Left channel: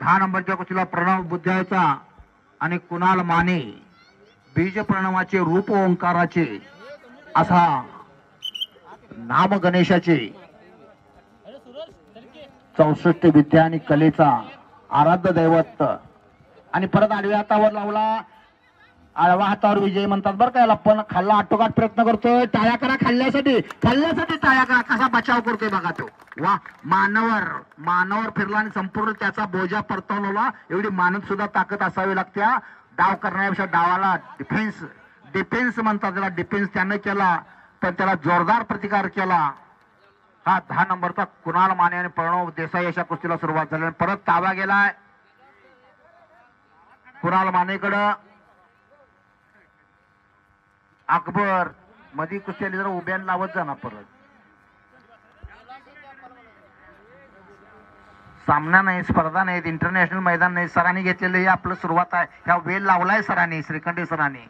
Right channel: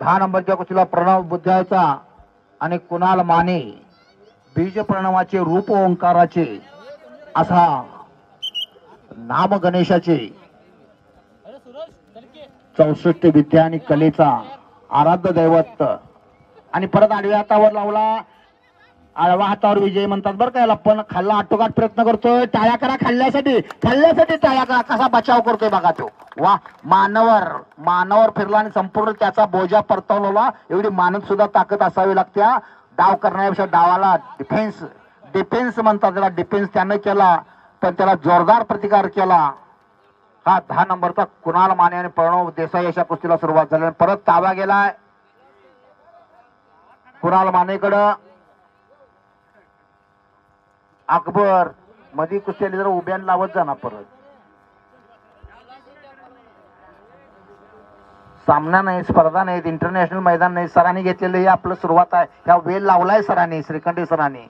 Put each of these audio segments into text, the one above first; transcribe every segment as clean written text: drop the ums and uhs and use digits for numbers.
10 नंबरच्या कुस्तीला प्रणव बुद्ध्याचा आणि कुणाल माने बीज प्रणवाचे रूप ओंकाराचे असा नाम गणेशाचे 64 विद्या आणि कलेचा आराध्य दैवत आणि परत आडव्या हातावर लावला. आडव्या हातावर विजय म्हणतात बरं का याला. पण खाल्ला आटोकाट प्रयत्न करतोय. टाळ्या करा खाल्ल्यासाठी टाळ्या करा. कसा बचाव करतोय बघा तो. वा मानावर फिरला आणि संपूर्ण त्याचा बोजा परतवला. एवढी मानत सुद्धा ताकद असावी लागते. डाव करण्यापेक्षा डावाला डिफेन्स म्हणतात त्याला. डिफेन्स त्यानं केला पण त्याला जोरदार प्रतिकार केला. हा 10 नंबरचा कुणाल माने आणि प्रणव देसाई अशा कुस्तीला सुरुवात झाली. परत ताबा गेलाय कुणाल मानेकडं. अकबर मधी कुस्ती जर उभ्यान लावत जाणार परत. सामना नाही, स्पर्धा नाही, इंटरनॅशनल मैदान नाही. सरांनी घेतलेलं हे आपलं सुरुवात आहे. ह्या वेल लावलाय सरांनी, श्रीखंडे सरांनी.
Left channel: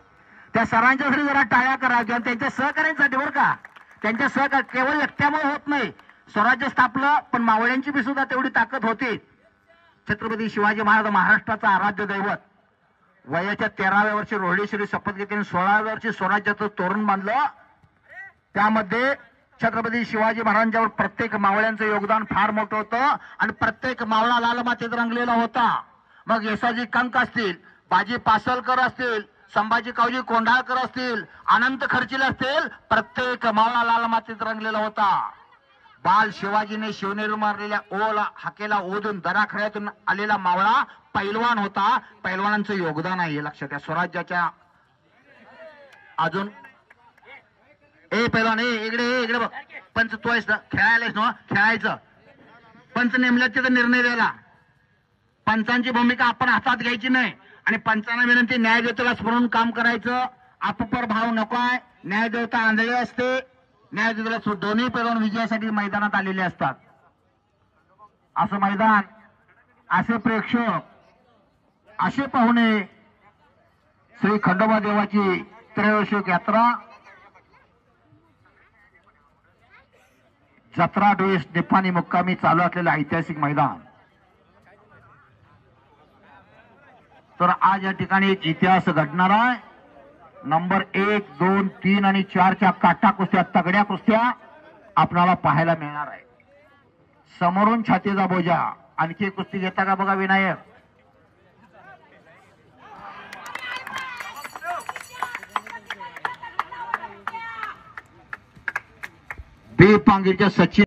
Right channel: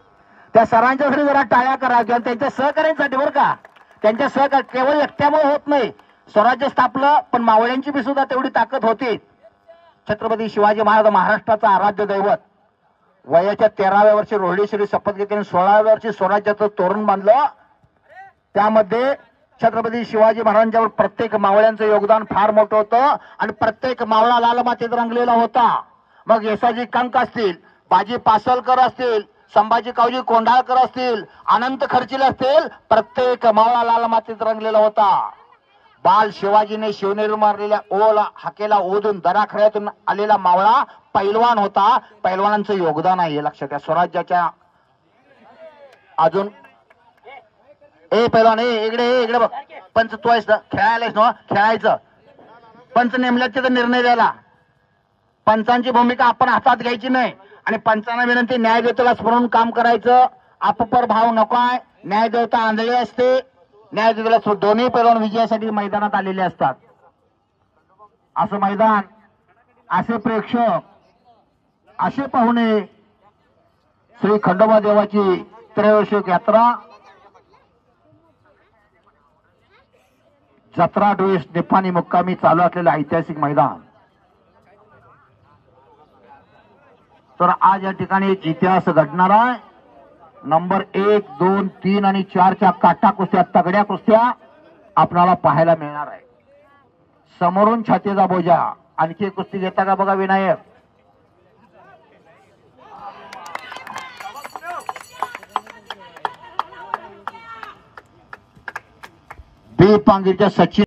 त्या सरांच्यासाठी जरा टाळ्या करा किंवा त्यांच्या सहकार्यांसाठी बरं का. त्यांच्या सहकार्य केवळ एकट्यामुळे होत नाही. स्वराज्य स्थापलं पण मावळ्यांची बी सुद्धा तेवढी ताकद होती. छत्रपती शिवाजी महाराज महाराष्ट्राचा आराध्य दैवत. वयाच्या 13व्या वर्षी रोहिणीश्वरी शपथ घेतली आणि 16व्या वर्षी स्वराज्याचं तोरण बांधलं. त्यामध्ये छत्रपती शिवाजी महाराजांच्यावर प्रत्येक मावळ्यांचं योगदान फार मोठं होतं आणि प्रत्येक मावळा लाल मातीत रंगलेला होता. मग येसाजी कंक असतील, बाजी पासलकर असतील, संभाजी कावजी कोंढाळकर असतील, अनंत खर्चिले असतील, प्रत्येक मावळा लाल मातीत रंगलेला होता. बाल शिवाजीने शिवनेरी मारलेल्या ओला हाकेला ओढून दराखड्यातून आलेला मावळा पैलवान होता. पैलवानांचं योगदान आहे हे लक्षात घ्या. स्वराज्याच्या अजून पैलवान इकडे बघ. पंच तू आहेस ना, खेळायलाच ना, खेळायचं. पंच नेमल्याचे तर निर्णय द्यायला. पंचांची भूमिका आपण हातात घ्यायची नाही आणि पंचांना विनंती न्याय देवतेला स्मरून काम करायचं. अपपर भाव नको आहे. न्याय देवता आंधळी असते. न्याय देवतेला दोन्ही पैलवान विजयासाठी मैदानात आलेले असतात. असं मैदान, असे प्रेक्षक, असे पाहुणे. श्री खंडोबा देवाची त्रयोदशी यात्रा जत्रा डोईस निपाणी मुक्कामी चालू असलेलं ऐतिहासिक मैदान. तर आज या ठिकाणी एक इतिहास घडणार आहे. नंबर 1, 2, 3 आणि 4च्या काटा कुस्त्या, तगड्या कुस्त्या आपल्याला पाहायला मिळणार आहे. समोरून छातीचा बोजा. आणखी एक कुस्ती घेता का बघा विनायक. बी पांगीच्या सचिन